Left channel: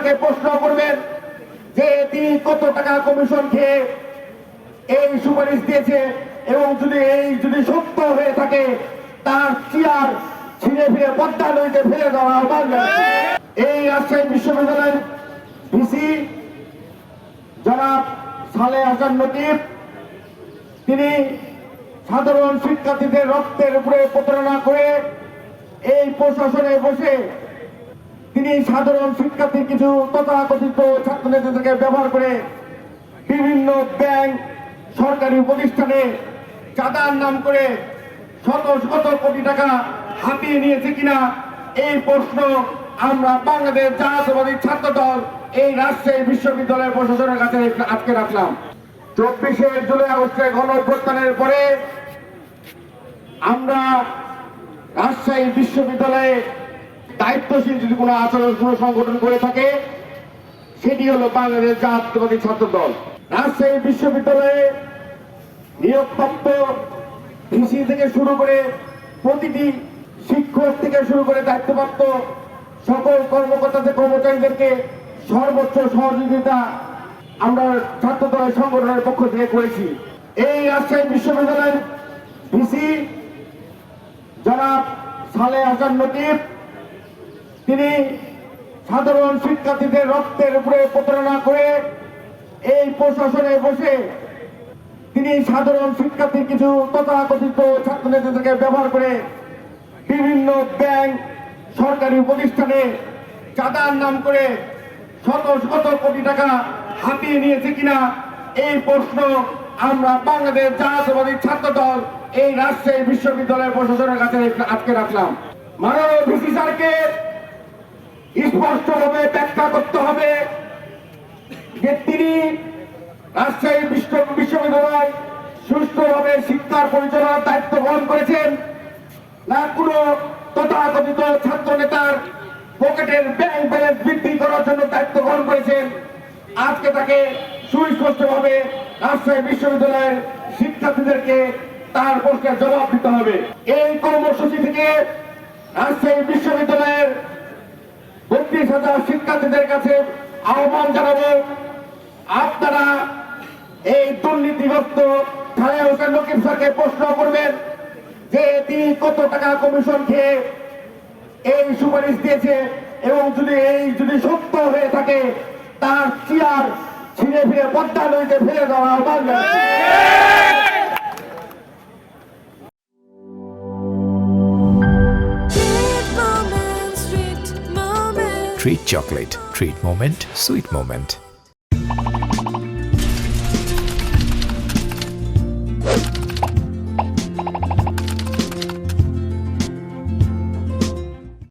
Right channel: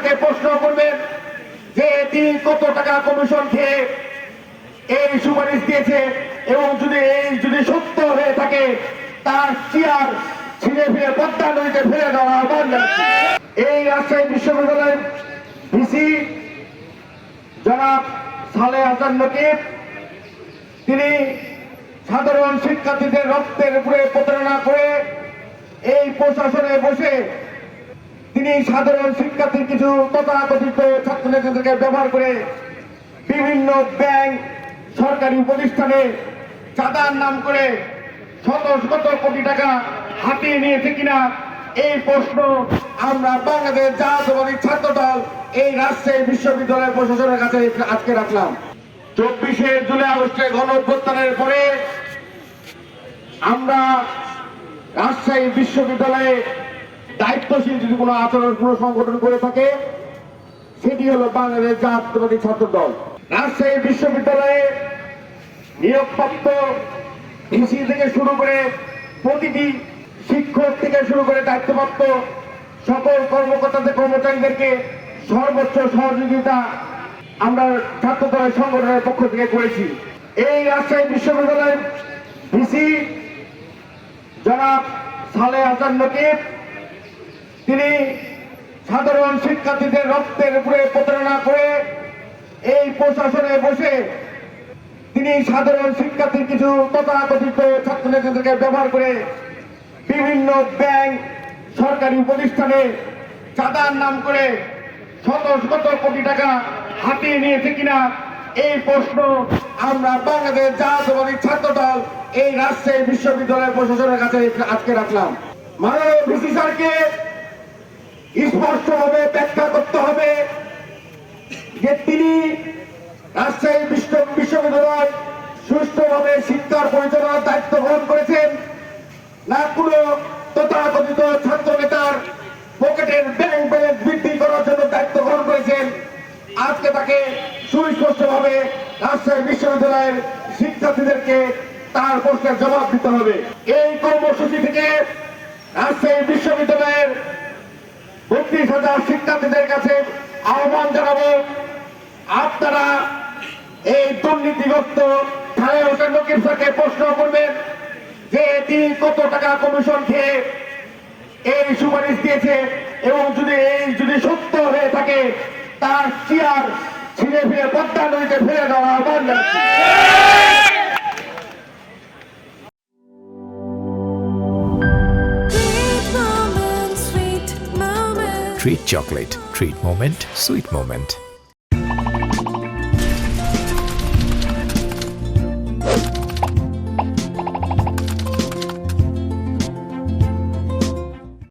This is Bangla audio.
স্যারকে প্রশ্ন করবেন যে তিনি কত টাকা কমিশন খেয়ে এই সুপারিশ দিয়েছে এবং যদি সত্য হয়ে থাকে তার চেয়ার ছিঁড়ে ফিরে পদ্মা নদীতে ফেলে দেওয়া আহ্বান জানাচ্ছি। এই রাজশাহী বিশ্ববিদ্যালয়ের ভিসি জনাব সালেহ হাসান নকিব তিনি সাধারণ শিক্ষার্থীদের রক্তের উপরে প্রতারণা করে এই প্রশাসনে বসে তিনি সাধারণ শিক্ষার্থীর কিছু তথাকথিত ছাত্রনেতাদেরকে ব্যবহার করে বিভিন্ন ব্যাংক সরকারি প্রতিষ্ঠানে চাঁদার নাম করে শত শত কোটি টাকা হাতিয়ে নিয়েছে কিনা এই প্রশ্ন আমরা বাংলাদেশ জাতীয়তাবাদী ছাত্র দল এই রাজশাহী বিশ্ববিদ্যালয়ের প্রশাসনের কাছে আজকে রাখলাম। 24শে জুলাই আগস্টের গণঅভ্যুত্থানের পরে আমরা রাজশাহী বিশ্ববিদ্যালয়ে দায়িত্বশীল যদি কোনো আচরণ কোনো সংগঠন করে থাকে সেটি হলো বাংলাদেশ জাতীয়তাবাদী ছাত্র দল। রাজশাহী বিশ্ববিদ্যালয়ে নিয়োগপ্রাপ্ত ভিসি থেকে শুরু করে প্রতিটি শিক্ষক থেকে শুরু করে দায়িত্বপ্রাপ্ত সকল কর্মকর্তাদের কর্মচারীদেরকে সর্বোচ্চ সহযোগিতা আমরা ছাত্র দলের সংগঠনের পক্ষ থেকে করেছি। এই রাজশাহী বিশ্ববিদ্যালয়ের ভিসি জনাব সালেহ হাসান নকিব তিনি সাধারণ শিক্ষার্থীদের রক্তের উপরে প্রতারণা করে এই প্রশাসনে বসে তিনি সাধারণ শিক্ষার্থীর কিছু তথাকথিত ছাত্রনেতাদেরকে ব্যবহার করে বিভিন্ন ব্যাংক সরকারি প্রতিষ্ঠানে চাঁদার নাম করে শত শত কোটি টাকা হাতিয়ে নিয়েছে কিনা এই প্রশ্ন আমরা বাংলাদেশ জাতীয়তাবাদী ছাত্র দল এই রাজশাহী বিশ্ববিদ্যালয়ের প্রশাসনের কাছে আজকে রাখলাম। মাননীয় ভিসি স্যারকে স্পষ্টভাবে ব্যাখ্যা করতে হবে যে তিনি রাজশাহী বিশ্ববিদ্যালয় সুষ্ঠুভাবে শিক্ষার পরিচালনার দায়িত্ব গ্রহণ করেছেন না কোনো তথাকথিত ছাত্র নেতার পকেটের ব্যাংক ব্যালেন্স বৃদ্ধি করার জন্য দায়িত্ব গ্রহণ করেছেন। আজকে তাকে সুস্পষ্টভাবে রাজশাহী বিশ্ববিদ্যালয়ের শিক্ষার্থীদেরকে তার প্রশ্নের জবাব দিতে হবে। এই কর্মসূচি থেকে রাজশাহী বিশ্ববিদ্যালয়ের 32,000 শিক্ষার্থীদের কাছে আহ্বান জানাবো, আপনারা এই দুর্নীতিগ্রস্ত সালেহ হাসান নকিব স্যারকে প্রশ্ন করবেন যে তিনি কত টাকা কমিশন খেয়ে এই সুপারিশ দিয়েছে এবং যদি সত্য হয়ে থাকে তার চেয়ার ছিঁড়ে ফিরে পদ্মা নদীতে ফেলে দেওয়া আহ্বান জানাচ্ছি। Treat chocolate. Treat moment, sweet moment.